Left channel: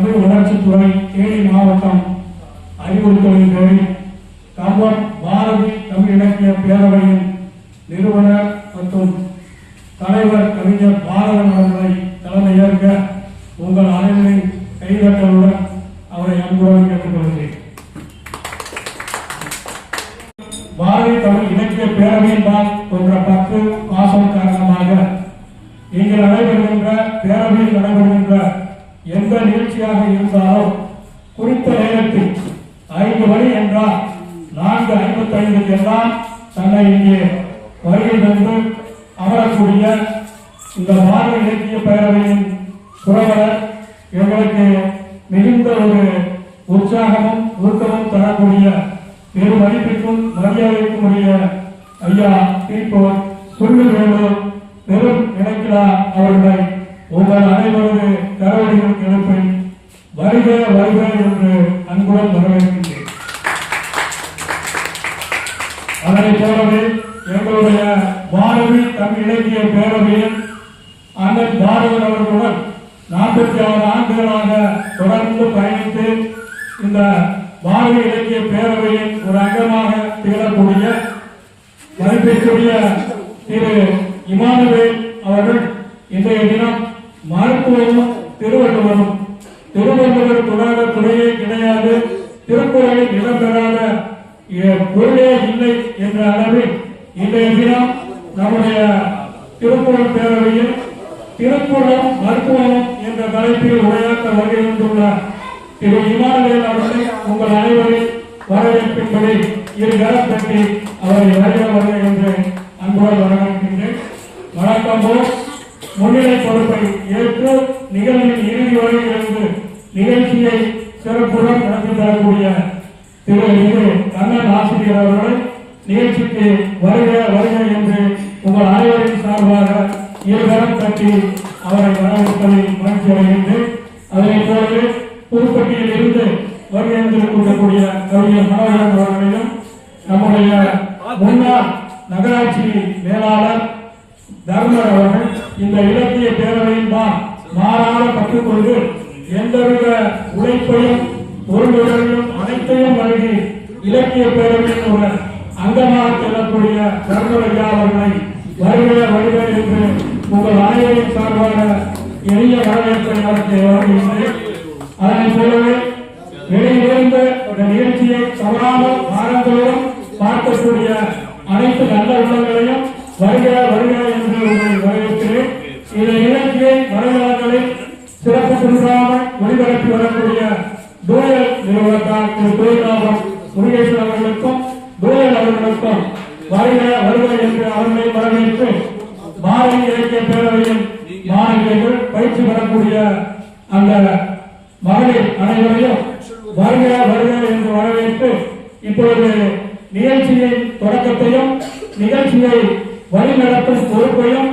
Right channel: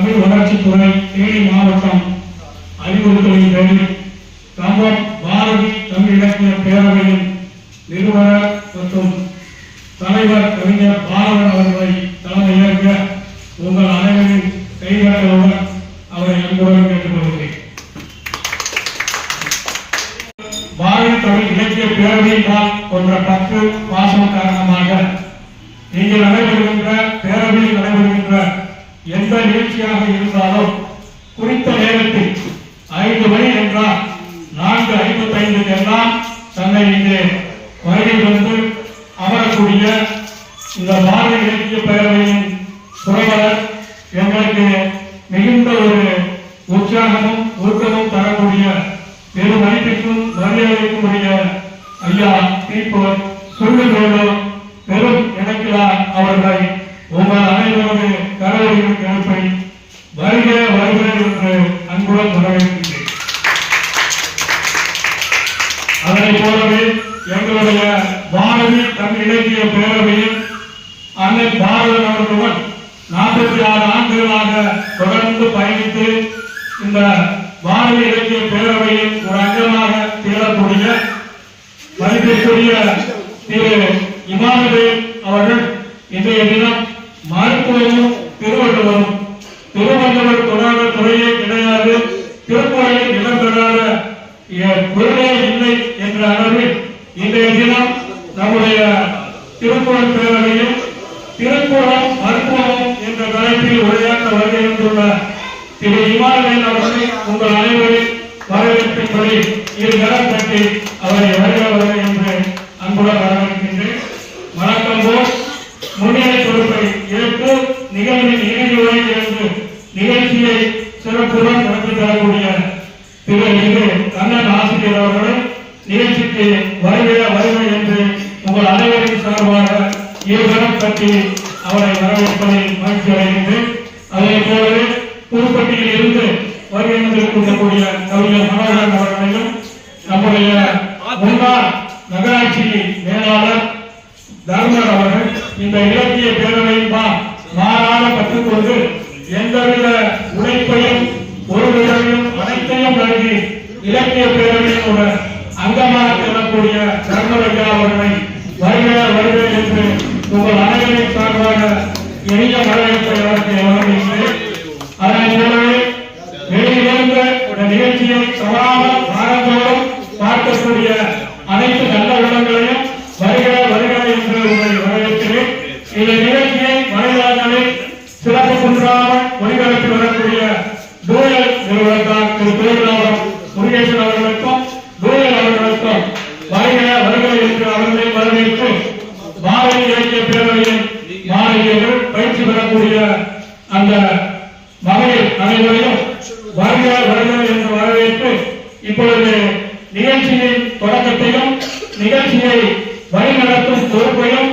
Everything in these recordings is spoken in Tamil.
தமிழ் வளர்ச்சித்துறை தேனி மாவட்டம் அறிவுறுத்தலின் பேரில் தமிழ் பாரதி தமிழ் இலக்கிய பேரவையின் நிறுவனர் மற்றும் தலைவர் கவிஞர் பாரதன் அவர்களை மரியாதைக்குரிய ஐயா தீபக் சொல்லுகிறோம் திருக்குறள் மருத்துவம் என்ற தலைப்பில் உரையாற்ற வருகின்றுள்ள திரு இமாலயம் அவர்கள் உங்கள் அனைவரின் வரவேற்பின்படி இரு கட்டி அவரை இலக்கிய பேரவையின் ஒரு அங்கமாக செல்லக்கூடிய சரண்யா அவர்களை வருகிற வருகிற என்று உங்கள் அனைவரின் சார்பாக எளிய வரவேற்பை நடத்திய அவர்கள் நிகழ்ச்சியை வழிநடத்தும் பொறுப்பையும்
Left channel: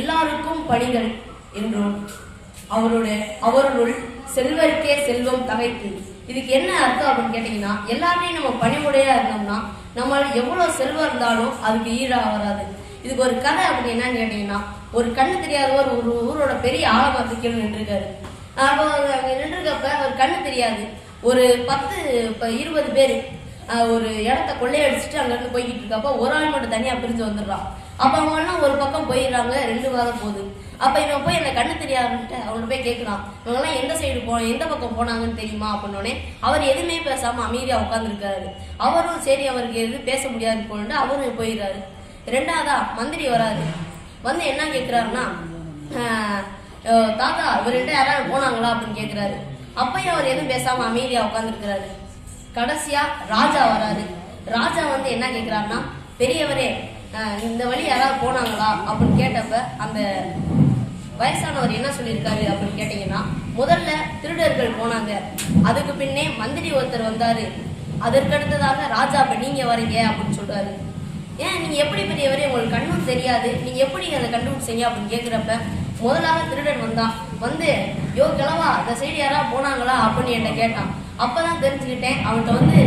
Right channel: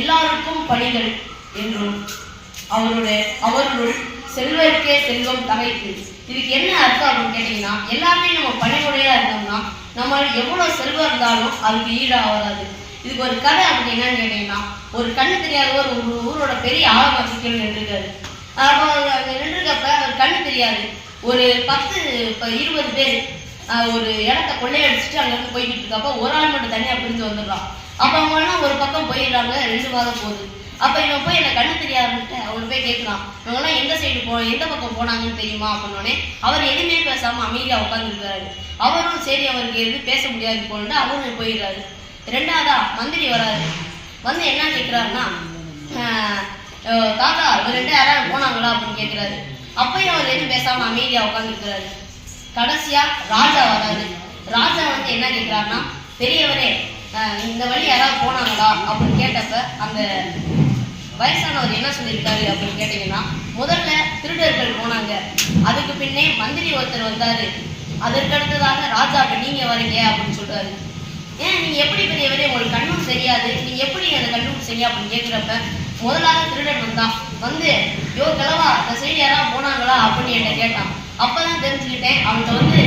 எல்லாருக்கும் பணிகள் என்றும் அவருடைய அவர்களுள் செல்வருக்கே செல்வம் தகைத்து. இதுக்கு என்ன அர்த்தம் அப்படின்னு கேட்டீங்கன்னா எல்லாமே நம்ம பணிவுடையா இருந்தோம்னா நம்ம எவ்வளவு செல்வம் இருந்தாலும் அதுக்கு ஈடாக வராது இதுக்கு ஒரு கதை அப்படி என்னன்னு கேட்டீங்கன்னா ஒரு கண்ணு தெரியாதவர் ஒரு ஊரோட பெரிய ஆழமாக்கு நின்றுருக்காரு. அப்போ அவர் நின்றுருக்கப்ப ஒரு கண்ணு தெரியாது. ஒரு பத்து இப்போ இருபது பேர் ஒரு இடத்த கொள்ளையடிச்சிட்டு அங்கேருந்து போய்கிட்டு இருக்கப்ப ஒரு ஆள் மட்டும் தனியாக பிரிஞ்சு வந்துடுறான். அப்போ அவங்க ஒரு பக்கம் போயிடுறாங்க ரெண்டு வாரம் போகுது. அப்போ இவன் போய் எனக்கு கண்ணு தெரியாதுன்ட்டு அவனை போய் கேட்குறான் இவங்கெல்லாம் எந்த சைடு போ எந்த பக்கம் போனாங்கன்னு தெரியுமா அப்படின்னோடனே அவர் எதுவுமே பேசாமல் அமைதியாக உட்காந்துருக்காரு அவரும் சரி அவருக்கு எது பேச முடியாது போனட்டு அவரும் போயிடுறாரு. ரெண்டாவதா மந்திரி வராரு. வந்து என்ன கேட்குறாருன்னா தாத்தா ரெண்டு யாராவது போனாங்களா? அப்படின்னு கேட்குறாரு அப்பயும் அவர் எதுவும் பேசாமல் அமைதியாக உட்காந்துருக்கிறாரு கடைசியாக ராஜா வராரு. ராஜா வந்து என்ன கேட்குறாருன்னா பெரியவரே இந்த வழி யாராவது போனாங்களா அப்படின்னு கேட்டப்ப அந்த வயசானவர் என்ன சொல்லியிருக்காரு அப்படின்னு கேட்டீங்கன்னா முதல்ல திருடர்கள் போனாங்க. அதுக்கு பின்னே மந்திரி ஒருத்தர் வந்தாரு. அதற்கு அடுத்ததாக ராஜா அப்போ நீங்க வரீங்க அப்படின்னு சொல்றாரு. ஏன் நீங்க எப்படி பெரியவரே உங்களுக்கு கண்ணும் தெரியாது. நீங்க எப்படி அதை கண்டுபிடிச்சீங்க அப்படின்னு கேட்குறப்ப முதலாக திருடன் வந்தான். வந்து யோ கிழவா அந்த சைடு யாராவது போனாங்களா? அப்படின்னு என்கிட்ட கேட்டான். அப்பதான் தெரிஞ்சுக்கிட்டேன். அவன்கிட்ட வந்து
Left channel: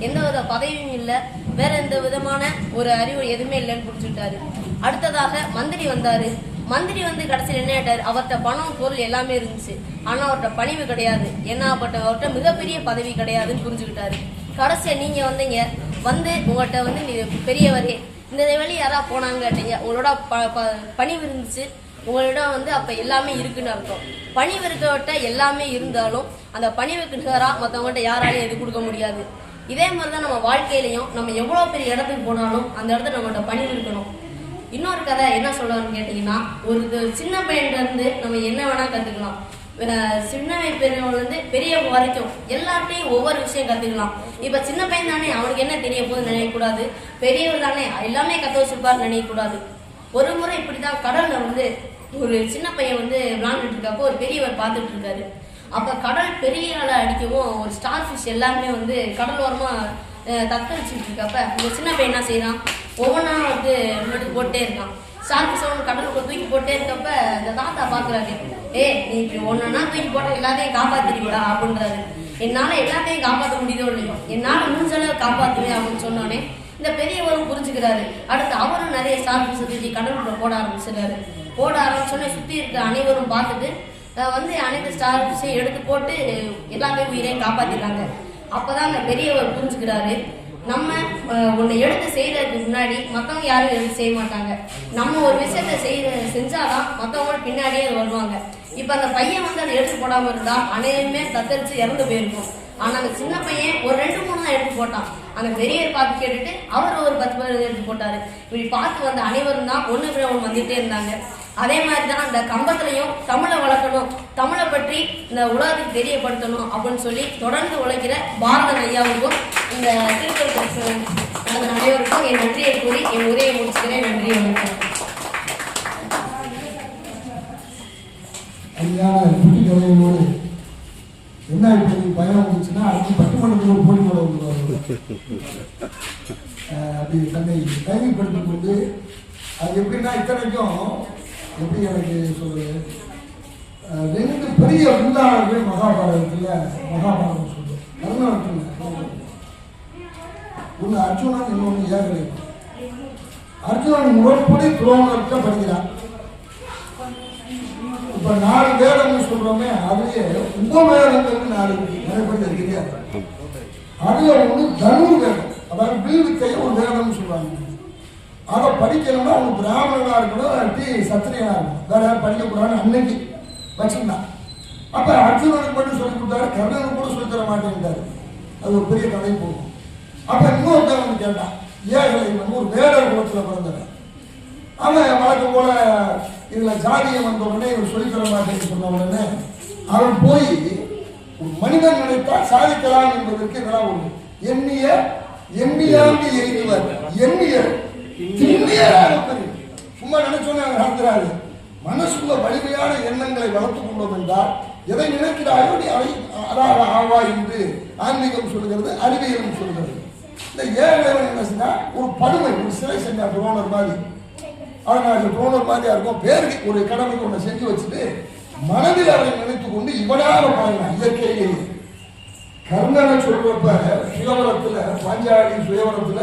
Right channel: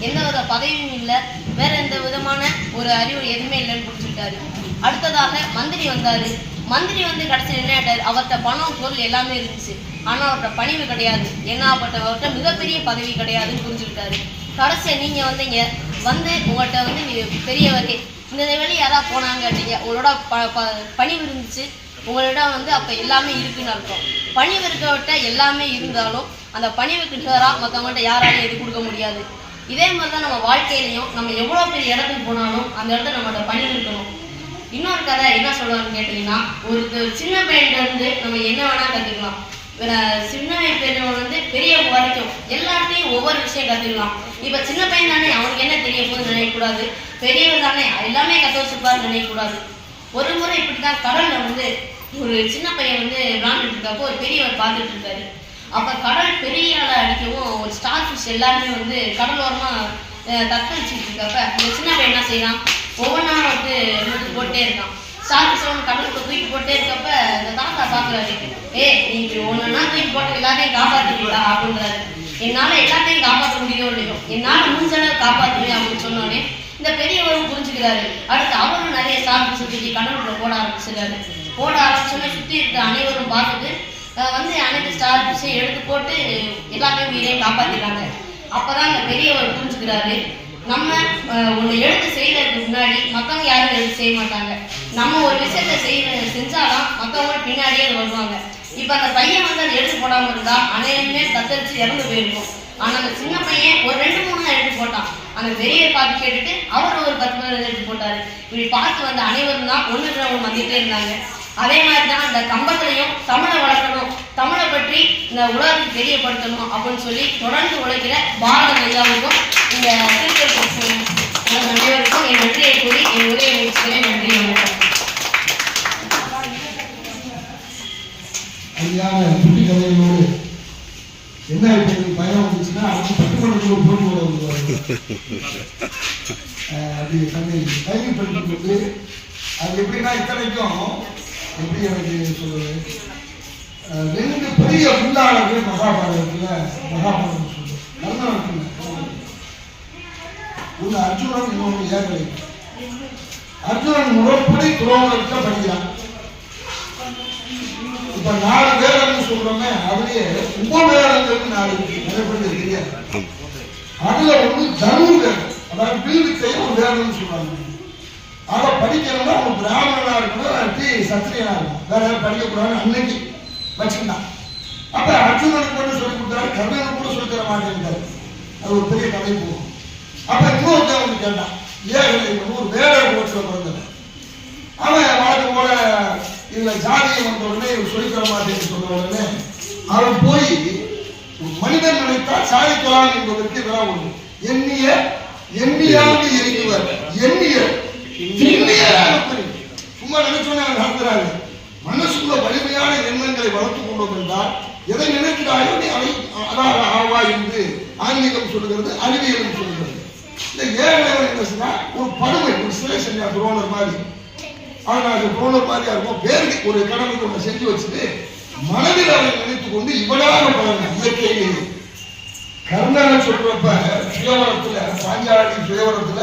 எந்த வித பதவியும் இல்லை. வேற எந்த விதமான ஒரு அறிவு எதுவுமே இல்லைன்னு புரிஞ்சுக்கிட்டாரு அடுத்ததாக மந்திரி வந்தாரு. மந்திரி வந்து கடைசியில் என்ன ஆயிட்டார் அவர்கிட்ட பணம் பொருள் எல்லாமே இருந்துச்சு. ஆனா அவர்கிட்ட பணிவு கிடையாது. என்னப்பட்டவர்கிட்ட மிகப்பெரிய பதவி கிடையாதுன்னு புரிஞ்சுக்கிட்டாரு. கடைசியாக நீங்க வந்தீங்க. வந்து உங்கள்கிட்ட வந்து நீங்க பெரியவரே. இந்த வழி யாராவது போனாங்க கேட்டீங்க. உங்களோட ப ப- பணிவு இருந்துச்சு. உங்களிடம் வந்து அப்போ எல்லாமே இருக்குன்னு அர்த்தம். பணிவு இருக்கவர்கிட்ட எல்லாமே இருந்தாலும் அந்த பணிவுக்கு நிகராக மற்றவங்கள்ட்ட யாராலையும் எது கொடுக்க முடியாது. இதே மாதிரி தான் நம்ம வாழ்க்கையிலையும் நம்ம எவ்வளோ பெரிய இடத்துக்கு போனாலும் அந்த இடத்த நம்மகிட்ட பணி இருக்கணும். இன்னொரு கதை என்ன சொல்லுவாங்கன்னு கேட்டிங்கன்னா ஒரு சின்ன பையன்கிட்ட இருந்து நம்ம என்ன வேணால் கற்றுக்கலாம் சின்ன பெரியவங்க வந்து பெரியவங்க வரைக்கும் எல்லார்ட்டையும் ஒவ்வொரு விஷயம் கற்றுக்கலாம் இப்போ சின்ன பையன் தானே அவனுக்கு என்ன தெரிய போகுதுன்னு நினைக்கக்கூடாது. பெரியவர் தானே எல்லாமே கற்று வச்சுப்பார்னு நினைக்கக்கூடாது. ஒரு முறை இப்படி தான் கடலில் வந்து ஒரு சின்ன பையன் வந்து விளாண்டுட்டு இருக்கப்போ ஒரு பெரியவர் பார்த்துட்டு இருக்காரு. அப்போ கடல் பெரிய அலை அடிக்கவும் ஒரு ஸ்டார் ஃபிஷ் எல்லாருமே வந்து கடலோரமாக அஹ், தத்தளிச்சுட்டு இருக்கப்ப இந்த சின்ன பையன் என்ன செய்யறான் ஒவ்வொன்றா வந்து எடுத்து போட்டே இருக்கான். ஸ்டார் ஃபிஷ் ஒன்று கடலுக்கு தூக்கி போட்டே இருக்கப்ப இந்த தாத்தா பார்க்குறாரு. ஏ நீ இப்படி ஒன்னொன்னா தூக்கி போட்டு எல்லாத்தையும் காப்பாற்றிக்கூடா அப்படின்றாரு. என்னால் எல்லாத்தையும் காப்பாற்ற முடியவே இல்லையோ என்னால் முடிஞ்ச அளவு காப்பாத்துவேன் அப்படின்னு சொன்னோடனே இந்த பெரியவரும் புரிஞ்சுக்கிறாரு. அடுத்து அவரும் நிறைய ஸ்டார் ஃபிஷ் தூக்கி கடலுக்குள்ள போட ஆரம்பிச்சிடுறாரு. போட ஆரம்பிச்சோன்னே சுற்றி இருக்க அனைவரும் பார்த்துட்டு வந்து அனைத்து ஸ்டார் ஃபிஷ்ஷையும் எடுத்து போட்டு எல்லாத்தையும் உயிரையும் காப்பாத்திடுறாங்க அப்பதான் அந்த பெரியவர் புரிஞ்சுக்கிறாரு. நம்ம ஒன்று ஒண்ணு செய்கிறதுக்கு செய்யறதுக்கு முன்னாடி மத்தவங்க யாரும் எழுத்து செய்ய மாட்டாங்க. நம்ம ஒரு விஷயத்த செய்ய செஞ்சாதான் மத்தவங்க பின்னாடியே அது வருவாங்க. இப்ப அந்த பையன் வந்து அதை எடுத்து போடாம இருந்தா அனைவருமே தத்தளிச்சு இறந்து போயிருக்கும். ஆனா அந்த சின்ன பையன் ஒரு ரெண்டு மூணு தான் எடுத்து போட்டான். அந்த பெரிய பார்த்து கேட்டுட்டு அவர் ஒரு பத்து பேர் எடுத்து போட்டாரு. இப்படி பார்த்து வந்த அனைவரும் தான் ஒன்று ஒன்று வந்துட்டே இருந்தாங்க. அதே மாதிரி தான் இந்த கம்பத்திலையும் தமிழை வளர்க்கணும். தமிழை பற்றி இந்த உலகத்துக்கு தெரியப்படுத்தணும் அப்படின்னு சொல்லி தொடர்ந்து உழைக்கிற பாரத ஐயாவுக்கும் இந்த திருப்பதி அனைவருக்கும் என் நன்றியை கூறி என் உரையை முடிச்சுக்கிறேன். நன்றி வணக்கம். குட்டி என்ன இப்போ பயம் வந்துச்சுன்னா ஒரு போட்டி போட அப்படி தன்னை அது எப்படின்னா இத்தனைக்கும் எப்படி எனக்கு சொல்றது? ரெண்டு பெரிய உள்ளாளர்கள் மகாபாரதத்தில் மகாபாரதம் சொல்லு கர்ணன் உள்ள ஒன்று அர்ஜுனன் இன்னொன்று ஏகலை. அர்ஜுனன் முறைப்படி துரோகத்தை படிக்கிறான். இப்ப நாலு வேதம்னு சொல்றோமே அதுலயே உபவேதங்களுக்கு நாலு இருக்கு. நிறைய பேருக்கு தெரியாது. அதுல வந்து தனு வேதம் அதாவது வீடுக்கை ஒரு வேதம்னு சொல்றாங்க. அதை படிக்கணும்னா அவங்க பிராமணனா இருக்கணும் இல்லாட்டி சத்திரியனா இருக்கணும். வேற யாரும் படிக்கக்கூடாதுன்னு அன்னைக்கு வச்சிருந்தான் அப்ப அர்ஜுனனுக்கு மட்டும் சொல்லி கொடுத்தாரு கர்ணனுக்கு கூட சொல்லி தர மாட்டேங்கிறாரு அது ஒரு பெரிய கதை போகும். அப்ப இன்னொருத்தவன் கேட்டான் ஏகலை ஒரு வேடர் குலத்துல பிறந்தவன்? அவன் வழக்கம் போல இதுல ஜாதியை வந்த உடனே இவர் சொல்லித்தர மாட்டேன்னு சொன்ன உடனே அவன் போய் மனிதன் நினைத்தால் சாதிக்கலாம் என்பதற்கு இதெல்லாம் ஒன்று எண்ணிய எண்ணியாவது எண்ணுவர் எண்ணியர் சும்மா நினைச்சோன்னே நடத்துறாரு? மனசுக்குள்ள வலிமையான எண்ணங்களை வளர்த்துக் கொண்டோம் என்றால் எதை நினைக்கிறாயோ நீ அதை அதாவது ஆவா என்று ஆன்மீகம் சொல்லுகிறது அறிவியல் சொல்லுகிறது. இந்த ஏழைவன் என்ன செஞ்சா ஒரு படுமை ஒரு சிலை செஞ்சா துரோணர் மாதிரி. ஆனா அது துரோணர் மாதிரியா இருக்கும் பேருக்கு ஒரு கடமைக்கு ஒன்று செஞ்சு வச்சுட்டு மனதில் அவரை நினைத்துக் கொண்டு இவனாக பழகினான் இயற்கையிலேயே. கர்ணனை சொல்றப்ப சுயவரத்துல பாஞ்சாலி சுயவரத்துல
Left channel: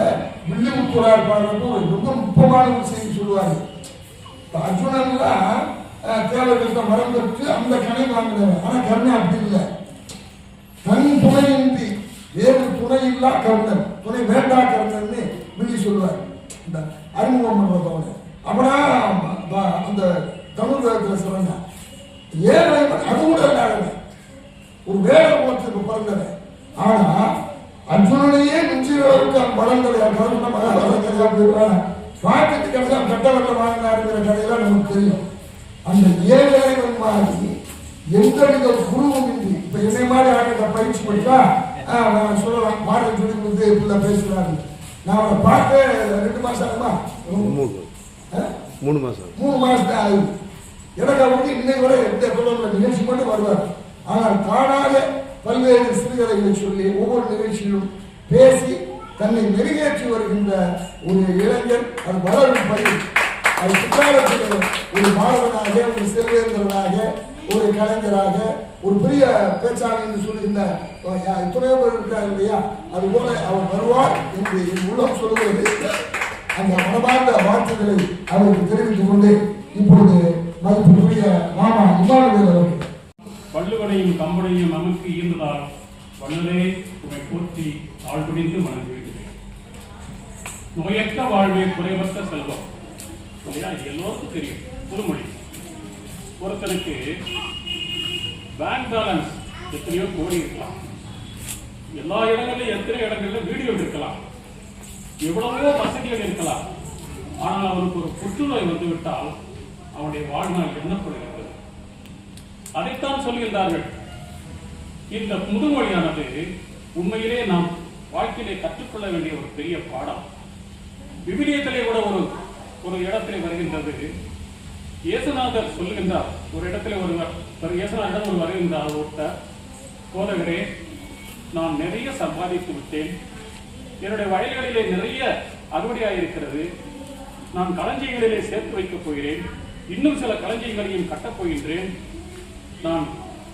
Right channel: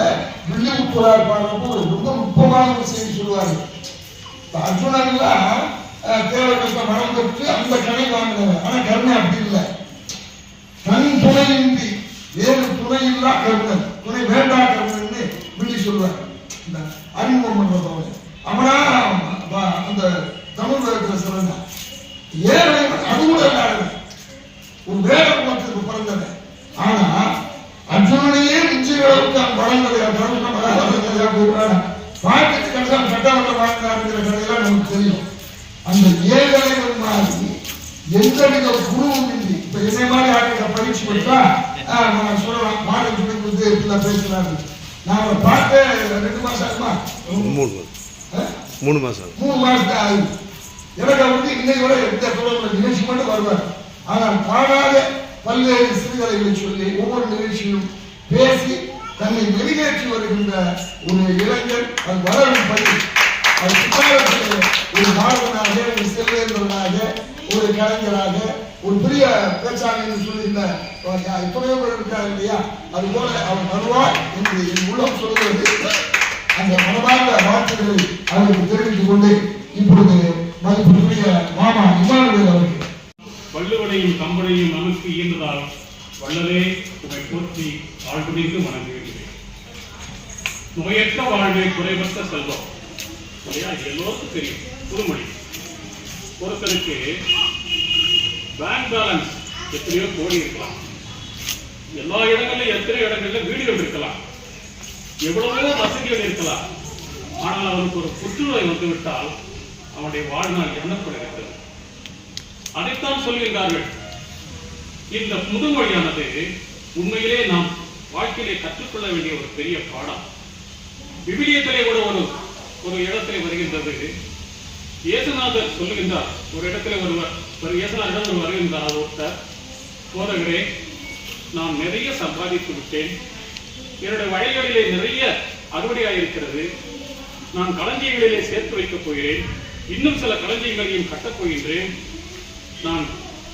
வில்லுப்புறார் பாடுறப்ப ஒரு ரொம்ப நுட்பமான ஒரு செய்தி சொல்லுவாரு. இப்ப அர்ஜுனன்லாம் தேவகிருஷ்ண மரம் பெற்று அந்த கணை வாங்கினவன் ஆனா கர்ணன் அப்படி இல்லை. தன் துணையின்றி வேறு துணை இல்லா கர்ணன் துணை வேண்டாம் கர்ணன்னு வில்லி சொல்லுவார் இந்த அறிமுகம் பண்றதவங்க அவனா ப- அந்த தமிழ் வேதத்துல சிறந்தான் ஏழை அது கூட இல்லாதவன் ஒரு வேட குலத்துக்கு பிறந்தவன் ஆனா அர்ஜுனனையே மிஞ்சிய அளவுக்கு அவன் வளர்ந்தது கருண மகாபாரதத்தில் போடுறாங்க பாட்டுக்கு கடைசியாக கட்டவட்ட வாங்கினாருங்கிற கதையெல்லாம் நமக்கு தெரியும் அந்த ஏழைவன் மாதிரி எந்தவித குருவும் இன்றி இப்ப என்னை மாதிரி ஆளுங்க பயிற்சி பண்ணிட்டா ஆஹ், நான் சொல்லலாம் பாடம் சொல்லி கொடுத்து இப்படிலாம் பேசுறாரு நான் அவரை பார்த்து ரெண்டு மாசம் ஆகுமா மூணு ஆ? மூணு மாதம் மூணு மாசத்துக்கு ஆகுது எனக்கு அவருக்கு இன்னைக்கு வரை எந்த தொடர்புல நிகழ்ச்சி மட்டும் வருவார் ஆனால் காணாத பல்வேறு சிறுகதைகளை சொல்லி ஒவ்வொரு நிகழ்ச்சியிலும் பேசி தன்னை வெளியேற்றி வருகின்ற ஒரு இளைஞர் அது வளரும் பணி அது பிற்காலத்தில் ஒரு மாணவனாக ஒரு செல்வேந்தர்களாக ஒரு கலைஞராக ஒரு பெரிய பேச்சாளர் சொல்லுகின்ற அஹ், எத்தனையோ பேர் இருக்கார் இல்லையா? அது போல அவர் வருவார் என்று என் உள்ளம் சொல்லுகிறது அந்த மனமார்ந்த வாழ்த்துக்களை அவருக்கு தெரிவித்துக் கொண்டு இப்பொழுது மதிப்புக்குரிய மாமா இமானுவேல் அவர்கள். வள்ளுவனையும் கம்பனையும் நமக்கு ஈந்ததால் வள்ளலே உமை போற்றி ஆழ்குடிக்கு மனது நோயற்ற வாழ்வே குறைவற்ற செல்வம். இல்லையா? எல்லோருக்கும் தெரியும். புதுமொழி. ஒருத்தனுக்கு பேங்க் பேலன்ஸ் எத்தனையோ கோடி இருக்கலாம். எல்லா இடங்களிலும் எத்தனை இடங்கள்ல வீடுகள் இருக்கலாம். எவ்வளவோ வசதிகள் இருக்கலாம். ஆனால் அவனுக்கு ஒரு புற்றுநோய் வந்துவிட்டால் அவனுடைய வாழ்நாள் எண்ணப்படுகிறது. அதைத்தான் சொல்கின்றார்கள். இந்த முதுமொழியானது உண்மையிலே நாம் வாழ்க்கையிலே கற்றுக்கொள்ள வேண்டிய ஒரு பெரிய பாடம். விவிலியத்திலே கூட ஒரு ஒரு இடத்திலே வருகின்றது. இயேசுநாதர் சொல்லுகின்றார் ஒரு இடத்துல ஒருவர் ஒரு இயேசுநாதர் ஒரு வருகின்றார் ஒருத்தர். போதகரே நான் நிறைய சம்பாதித்து விட்டேன். என்னுடைய வயல்களிலே நிறைய அறுவடையாயிருக்கிறது. நான் களஞ்சியங்களிலே சேர்த்து வைக்கப் போகிறேன். இன்னும் சில களஞ்சியங்களையும் கட்டப் போகின்றேன். நான்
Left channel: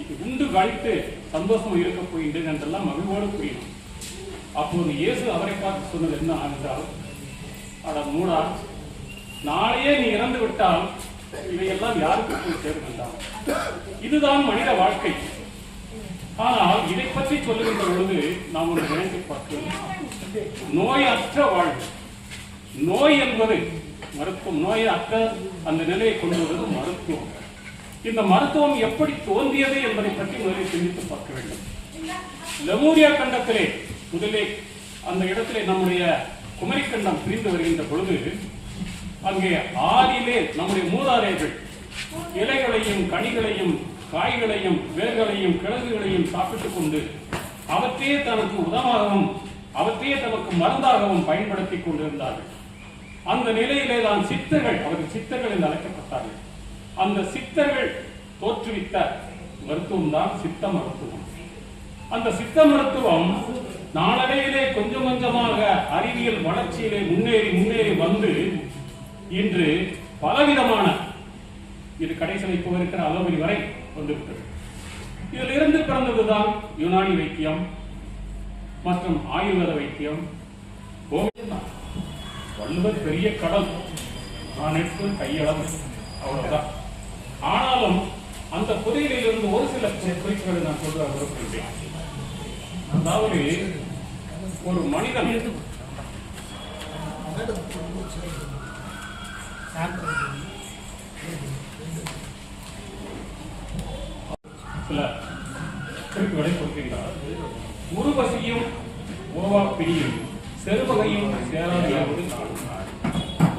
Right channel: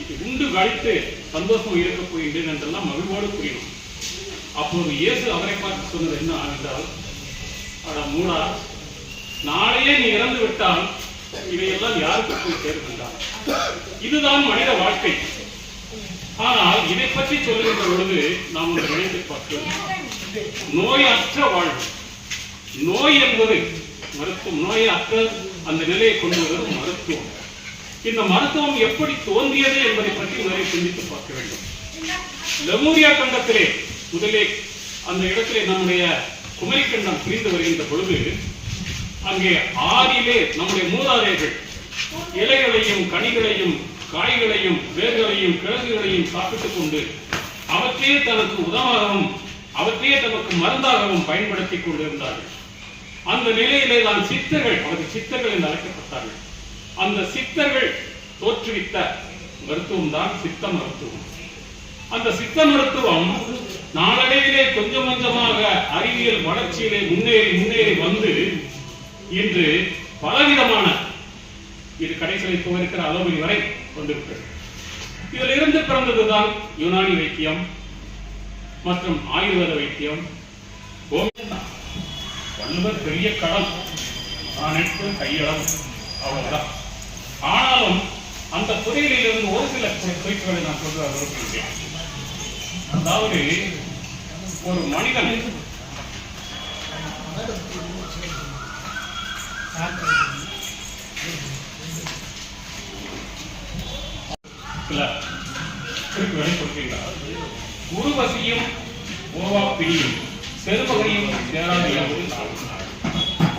இது உண்டு கழித்து சந்தோஷமாக இருக்கப் போகின்றேன் என்றெல்லாம் மகிழ்வோடு கூறினான். அப்போது இயேசு அவரை பார்த்து சொன்னது என்ன என்றால் அட மூடா நாளையே நீ இறந்து விட்டால் இவையெல்லாம் யாருக்கு போய் சேர்க்கின்றான் இதுதான் மனித வாழ்க்கை. ஆனால் இதை பற்றி சொல்லுகின்ற பொழுது நாம் ஒன்று நினைத்து பார்க்கிறோம் நோயற்ற வாழ்வு. நோய் என்பது மருத்துவம். நோயற்ற அந்த நிலையை கொண்டு வருவது மருத்துவம். இந்த மருத்துவம் எப்படி தோன்றியது என்பதை பற்றி முதலில் சிந்தித்து பார்க்க வேண்டும். லெமூரியா கண்டத்திலே முதலே அந்த இடத்திலே நம்முடைய குமரிக்கண்டம் பிரிந்து வருகின்ற பொழுது அங்கே ஆதியிலே நம்முடைய மூதாதையர்கள் இலைகளையும் கனிகளையும் காய்களையும் வேர்களையும் கிழங்குகளையும் சாப்பிட்டுக் கொண்டு அவற்றையே தனக்கு உதவாகவும் அவற்றையே தமக்கு மருந்தாகவும் பயன்படுத்திக் கொண்டிருந்தார்கள். அந்த நிலையிலே தான் சித்தர்கள் அவருக்கு சித்தர்கள் என்று அழைக்கப்பட்டார்கள். அந்த சித்தர்கள் தோற்றுவித்த மருத்துவம் தான் சித்த மருத்துவம். அந்த சித்த மருத்துவம் நாளடைவிலே கொஞ்சம் கொஞ்சமாக அறிவியல் வளர்ச்சியிலே முன்னேறி முன்னேறி வந்து இன்று பலவிதமான இது கடைசியில் இப்போ இருக்கிற அளவரி வரை வந்திருக்கிறது. இதில் இருந்து பிறந்ததுதான் யுனானி வைத்தியம் மற்றும் ஆயுர்வேத வைத்தியம். வள்ளுவர் பெரிய கடல் அனைத்து கையளவு. அவ்வளவுதான். ஆனாலும் அந்த புதையிலிருந்து ஒரு சில குறிப்புகளை நான் சொல்ல விரும்புகிறேன். அதாவது ஒரு மனிதன் சில கொடுக்கின்றார். உருவசியும் ஓவா பிரியும் செருவகையும் சேராது என்பது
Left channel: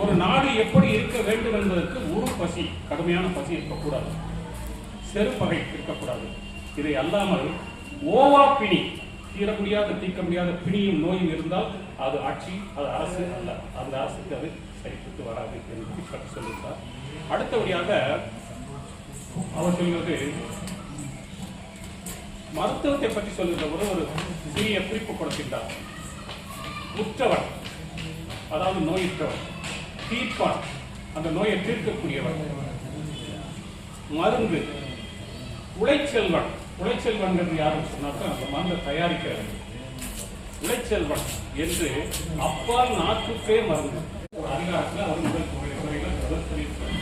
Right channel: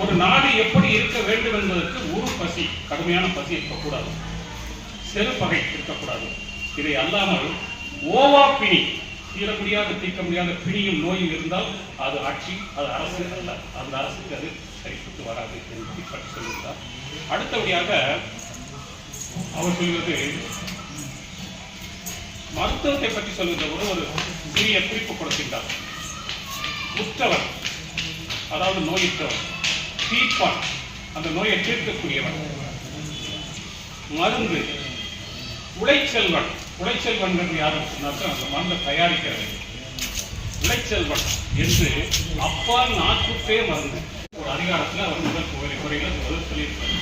ஒரு நாடு எப்படி இருக்க வேண்டும் என்பதற்கு ஒரு பசி கடுமையான பசி இருக்கக்கூடாது. செருப்பகை இருக்கக்கூடாது. இதை அல்லாமல் ஓவா பிணி தீர முடியாத தீர்க்க முடியாத பிணியும் நோயும் இருந்தால் அது ஆட்சி அது அரசு அல்ல. அந்த அரசுக்கு அது சரிப்பட்டு வராது என்று பற்றி சொல்லியிருந்தார். அடுத்தபடியாக அவர் சொல்வது மருத்துவத்தை பற்றி சொல்கின்ற போது ஒரு சிறிய குறிப்பு கொடுக்கின்றார். உற்றவர் அதாவது நோயுற்றவர் தீர்ப்பான் அந்த நோயை தீர்க்கக்கூடியவர். மருந்து உழைச்செல்வன் உழைச்செல்வன்கிறது யாருன்னு சொன்னாக்க அந்த மண்ணை தயாரிக்கிறது உழைச்செல்வன் என்று அப்பா நாட்டுக்கே மருந்து. ஒரு அதிகாரத்தில் அவர் முதல் குறை குறைகள் முதல் சொல்லியிருக்கார்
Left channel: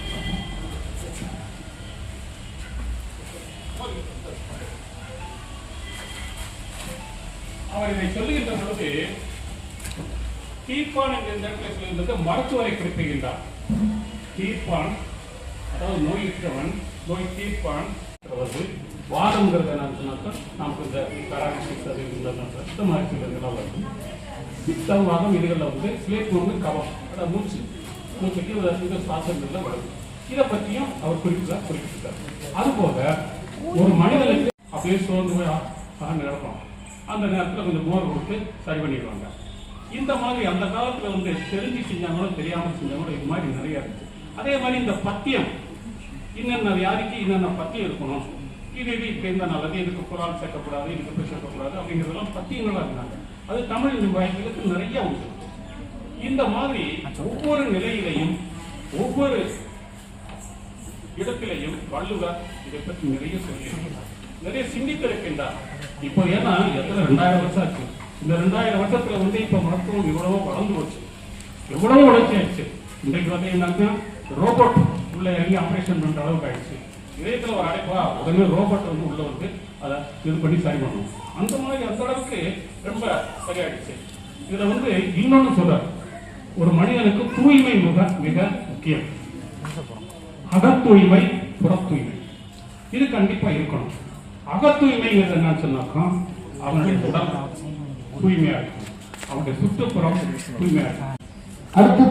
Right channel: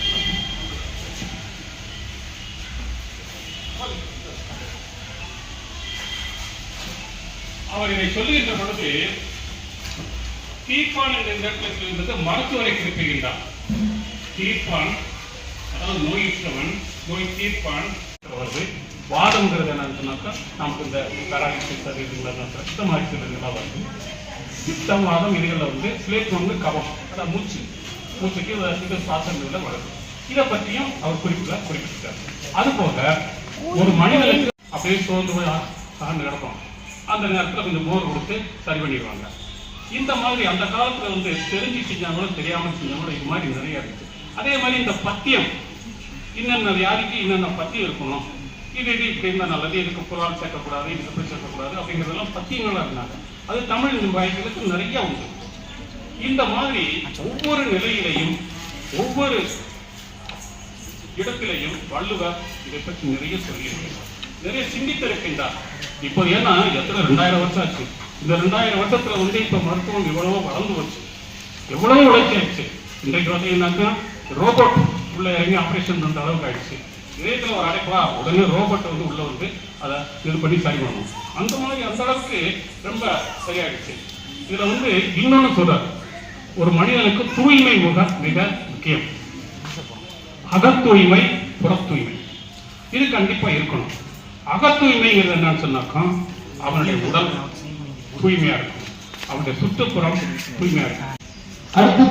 அவர் இதை சொல்லுகின்ற பொழுது தீர்ப்பான் என்ற இடத்துல சொல்லுகிறது மருத்துவரை குறிப்பிடுகின்றார். தீர்ப்பான் அதாவது நோயுற்றவன் நோய் தீர்ப்பான் அவர்கள் வாதம்ங்கிறது என்னன்னு சொன்னாக்கா நமக்கு இந்த பேராலிசிஸ் அது இதுல ரத்த மருத்துவங்கள்லாம் வருது பித்தம் வாதம் இதுகளில் வந்து ஸ்லேட் வந்து கவம் அதை மூச்சு. மூச்சுக்கு இந்த சுவாசங்களில் வருது. இதை பற்றியும் அவர் குறிப்பிட குறிப்பிட்டிருக்கார். அதுபோக ஒரு மனிதனுக்கு அப்படியே சோர்ந்து போய் சார்ந்து கிடக்கும் அந்த நேரத்தில் கொஞ்சம் மோர் கொடுத்து சரி பண்ணிடுவாங்க. இந்த மாதிரி அந்த காலத்துல வந்து தெரிஞ்சு செஞ்சாங்களும் தெரியாமல் செஞ்சாங்களும் இது மாதிரி நிறைய இருக்கு. அதே மாதிரி இந்த பத்தியம் இன்னென்ன வியாதிக்கு இன்னென்ன பத்தியம் இருக்கணும்? டிடிடி இது இப்படி நல்லது? எனக்கு குரான் சேர்க்கக்கூடாது எனக்கு சேர்க்கக்கூடாது அப்படிங்கிறதெல்லாம் பத்தியங்களா இருந்தாங்க. அது தமிழ் வாய்களுக்கு நிறைய உண்டு. இந்த மாதிரி ஒவ்வொரு நிலையிலையும் ஒவ்வொரு இடத்திலையும் வள்ளுவர் இதை பற்றி நிறைய சொல்லியிருக்கிறார். நிறைய சிந்தித்திருக்கின்றார். இப்போ ஏன்னா எத்தனை ரெண்டாயிரம் வருஷம் ஆச்சு? இந்த ரெண்டாயிரம் வருஷத்துல வந்து இப்போ மருத்துவம் எவ்வளவோ வளர்ந்து வச்சு எவ்வளவு உழைச்சாச்சு. இன்றைக்கு வந்து என்னன்னா ரோபோட் உள்ள இறங்கி ஆபரேஷன் பண்ற அளவுக்கு ஆயிடுச்சு. இணையத்தில் ஒரு அடைப்பா உடனே ரோபோட் வந்து உள்ள வந்து அதை இது பண்ணி சரி பண்ணணும் அந்த மாதிரி அந்த அளவுக்கு ரொம்ப சரியாயிடுச்சு. இதுல வந்து இன்னொன்னு சொல்றாரு. ஒரு மனிதனுக்கு தூய்மை முக மிக முக்கியம். அகத்தூய்மை புறத்தூய்மை. இது கண்டிப்பா இருக்கணும். அகத்தூய்மைங்கிறது என்னன்னு சொன்னாக்கா அவனுடைய உடல் தூய்மையா இருக்கும். அவனுடைய சுற்றுப்புறம் தூய்மையா இருக்கும். அடுத்து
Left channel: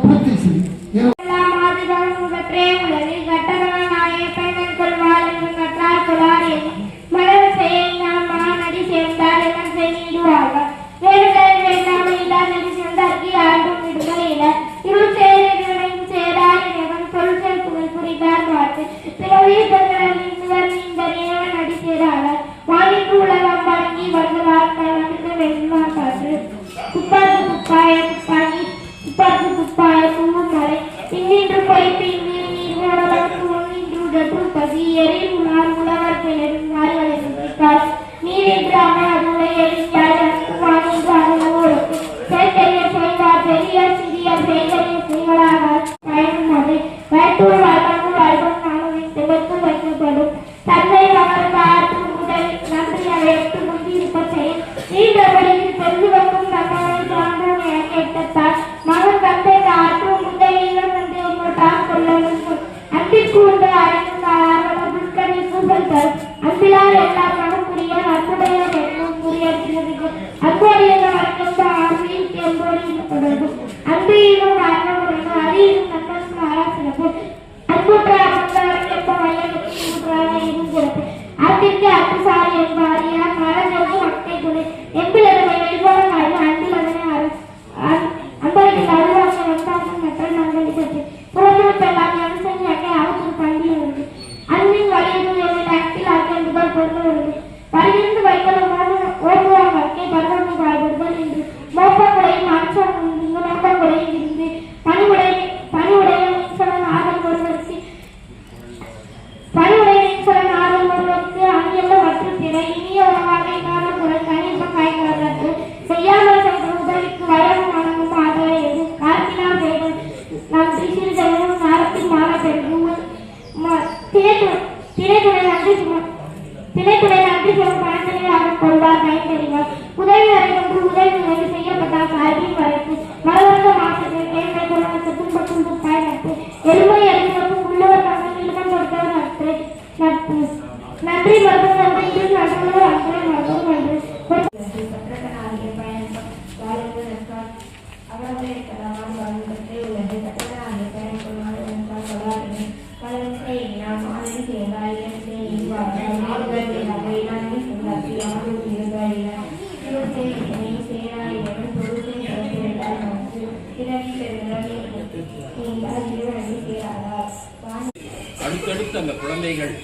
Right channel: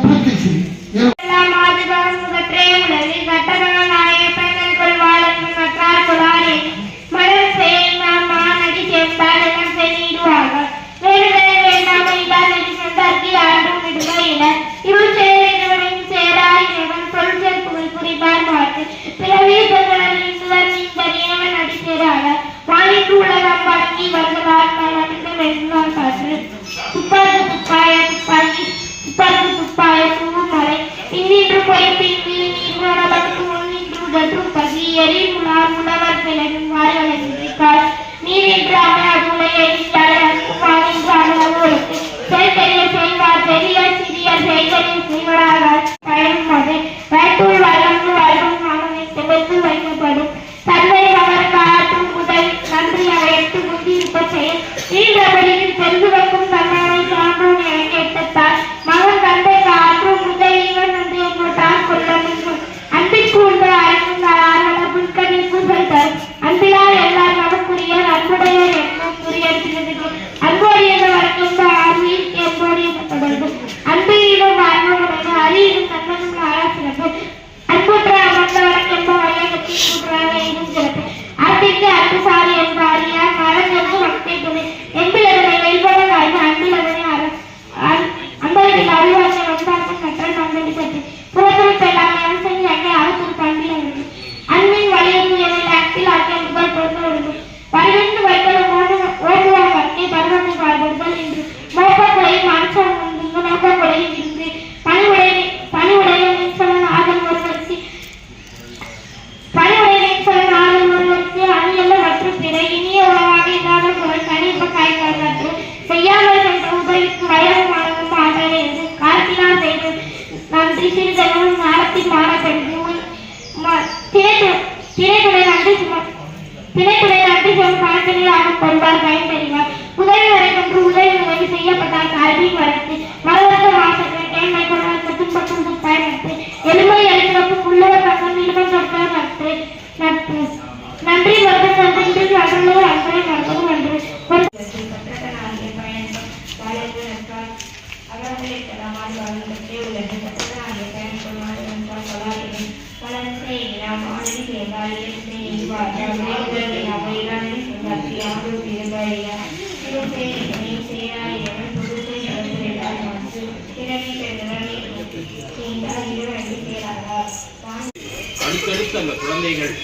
அடுத்தடுத்து அந்த குழந்தைகள்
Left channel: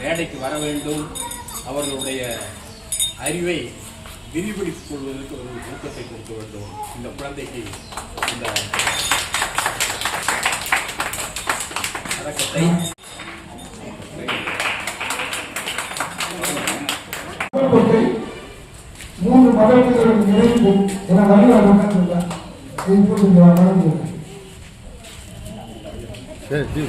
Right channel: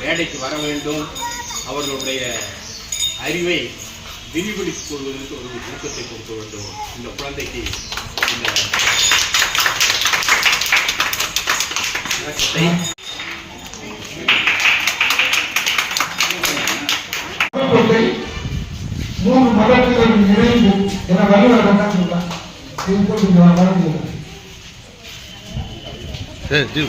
மேடைக்கு வர வேண்டும். அவர்களுடைய அறிவை விரிவடித்துக் கொள்வதற்கு ஒரு ஊக்கத்தை கொடுக்க வேண்டும். இந்த குழந்தைக்கு இந்த பழக்கத்தை மூன்று இணைந்து என சொல்றாங்க இது